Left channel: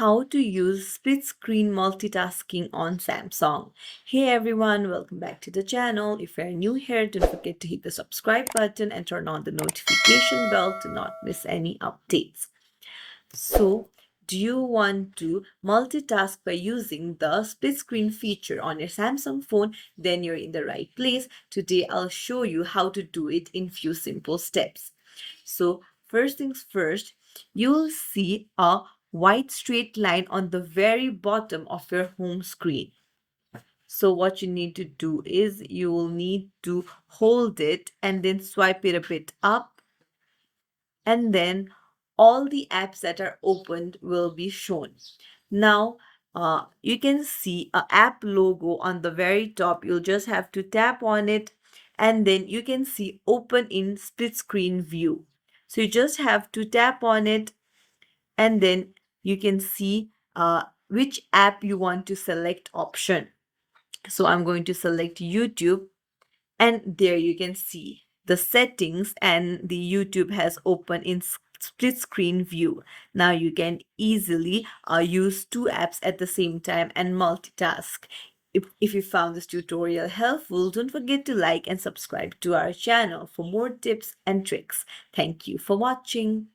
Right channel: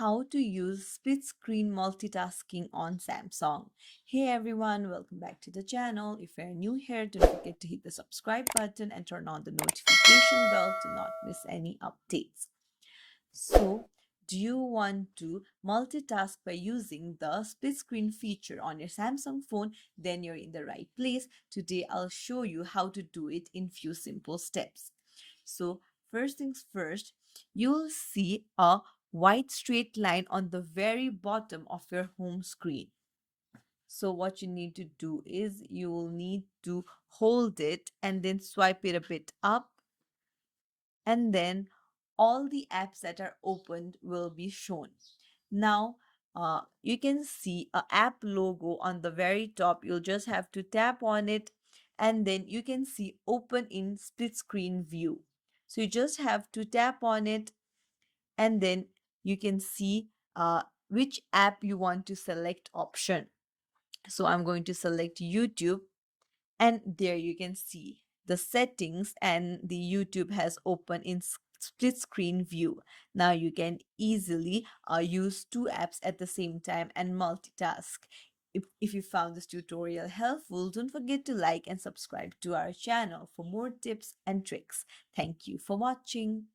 how to use split screen multitasking on Samsung. Hey everyone, welcome back to the channel. If you're new here, don't forget to hit the subscribe button and turn on the notification bell to not miss any updates. So, do you want to multitask by using the split screen feature on your Samsung phone? Then you're in the right place. Today I'll show you how to do it in few simple steps. So, first things first, you'll see a white straight line on the very bottom of your home screen. So what you need to do is you will need to hold it and then swipe it a bit up, and then all the apps that are opened will be shown. Now, you can see a app logo on the very top. You'll just have to tap on it, and then you can see open in split screen view. So you just have to tap on it, and then you can see which app you want to select option. So I'm going to select YouTube, and there you can see the settings, and the YouTube has opened in split screen view. Now you can easily use two apps at the same time and multitask. If you found this tutorial helpful, don't forget to like and subscribe to our channel for more tips and tricks. Thank you for watching.